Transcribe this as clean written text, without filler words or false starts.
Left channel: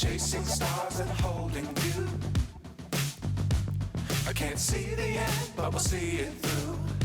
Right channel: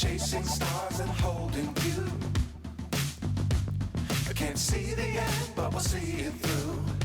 chasing stars and holding you. I can't see the end, but we'll see it through.